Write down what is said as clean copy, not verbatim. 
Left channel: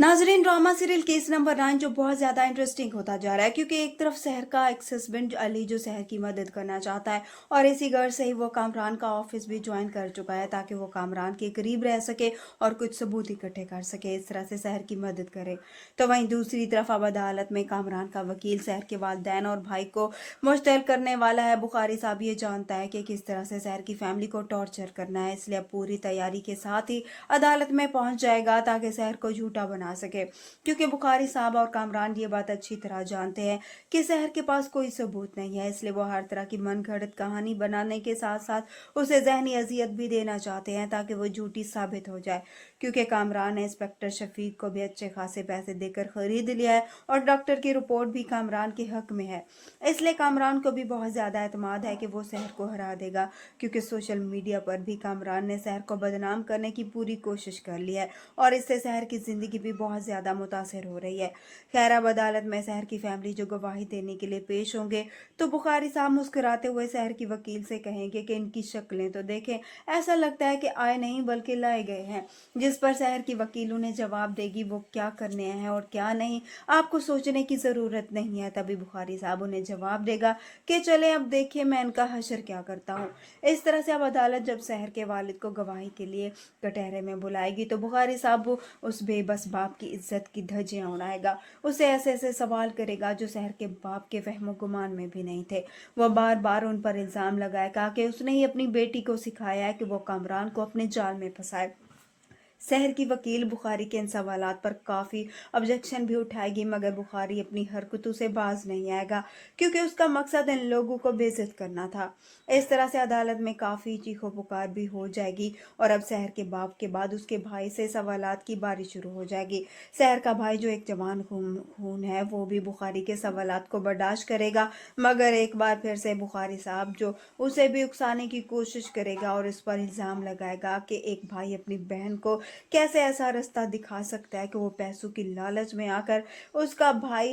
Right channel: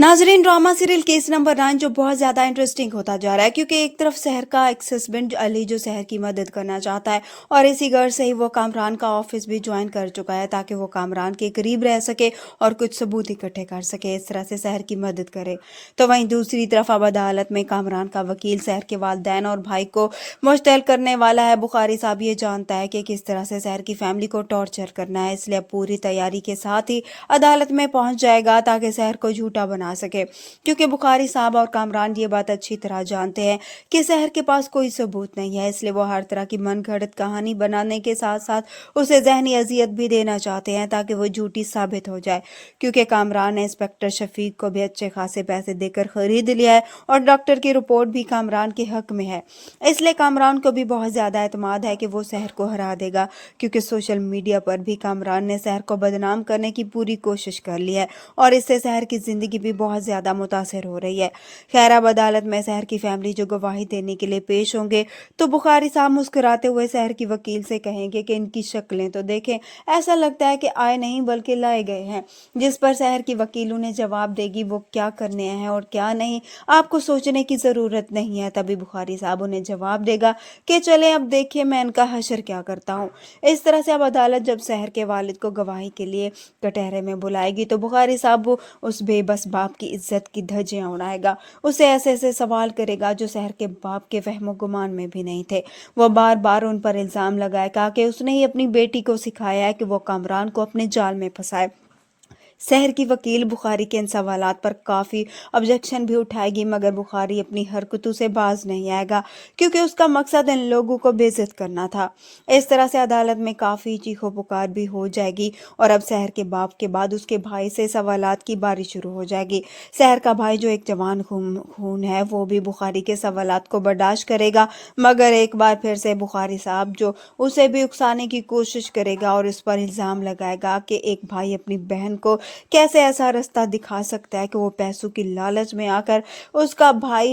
नाजरीन, drama serial case number 9 जो बहुत ज़्यादा इंटरेस्टिंग होता जा रहा है, क्योंकि एक तरफ शहर का एक्स हस्बैंड अली जो शहर की मदद करना चाहता है और इसी गर्ज से ही वो कामरान का ऑफिस भी ज्वाइन कर चुका है ताकि वो कामरान के करीब रह सके और कुछ सबूत इकट्ठे कर सके, इस तरह से शहर की मदद करे। तो वहीं दूसरी तरफ अब अदालत में कामरान का वकील शहर के वालिदैन और भाई को मुश्तैल करने वाला है। बुखारी साहब ये जानता है कि किस तरह से शहर की फैमिली को टॉर्चर करना है, इसलिए पूरी तैयारी के साथ ही अदालत में पहुंच जाएगा ताकि शहर को झूठा बना सके, क्योंकि बुखारी साहब और कामरान ये बात अच्छी तरह जानते हैं कि शहर के पास कोई सबूत नहीं है, इसलिए वो हर तरह की मनगढ़ंत कहानी बनाने के साथ साथ उसे जहनी अजियत भी देना चाहते हैं ताकि वो झूठी साबित हो जाए। क्योंकि कामरान ने इंस्पेक्टर शफीक को भी अच्छे खासे पैसे देकर खरीद लिया है और डॉक्टर की रिपोर्ट भी कामरान के हक में है, इसलिए कामरान को भी बहुत ज़्यादा एतमाद है कि वो शहर को हरा देगा। क्योंकि सोशल मीडिया पर भी कामरान ने शहर को बदनाम करने की पूरी कोशिश कर ली है और इससे शहर की ज़िंदगी भी बहुत ज़्यादा मुतासर हो रही है। खैर, अब अदालत में शहर की फैमिली जो गवाही देने के लिए पेश होंगे तो बुखारी साहब मुस्कुराते हुए शहर की वकील से कहेंगे कि इनकी शक्लें तो देखें, ऐसा लगता है कि आए नहीं बल्कि लाए गए हैं। जिस पर शहर की वकील उन्हें जवाब देगी वो क्या करने हैं और क्या नहीं, आपको सोचने की ज़रूरत नहीं है। तभी बुखारी साहब उन्हें जवाब देगा कि चले अब देखिए मैं इनका हशर क्या करता हूँ। इस तरह से अब अदालत जब शहर के वालिद को गवाही के लिए कटहरे में बुलाएगी तो बुखारी साहब वो उस बेबस बाप की इज्जत की धज्जियां उड़ाएगा, उसे ऐसे ऐसे सवाल करेगा जो शहर के बाप के वहमो गुमान में भी नहीं थे। वो बार बार उन पर इल्ज़ाम लगाएगा कि उसने ही अपनी बेटी को सिखाया है कि वो कामरान को अपने जाल में फंसाए। शहर की वकील बुखारी के इन सवालात पर काफ़ी ऑब्जेक्शन भी उठाएगी, मगर बुखारी अपनी हरकतों से बाज नहीं आएगा, क्योंकि उसका मकसद इन लोगों को बेइज्जत करना था। इस तरह से अदालत में काफ़ी चीखो पुकार भी हो जाएगी और अब शहर के बाप के बाद उसके भाई से सवालात की बारी शुरू हो जाएगी। शहर का भाई जो एक जवान खून खून है वो भी बुखारी के सवालात को बर्दाश्त करेगा, मगर एक बार फिर से बुखारी साहब जो उसे भी उकसाने की कोशिश करेगा और इस पर इल्ज़ाम लगाएगा कि एक भाई अपनी बहन को कैसे ऐसा रास्ता दिखा सकता है कि वो पैसों की लालच में आकर उसका भाई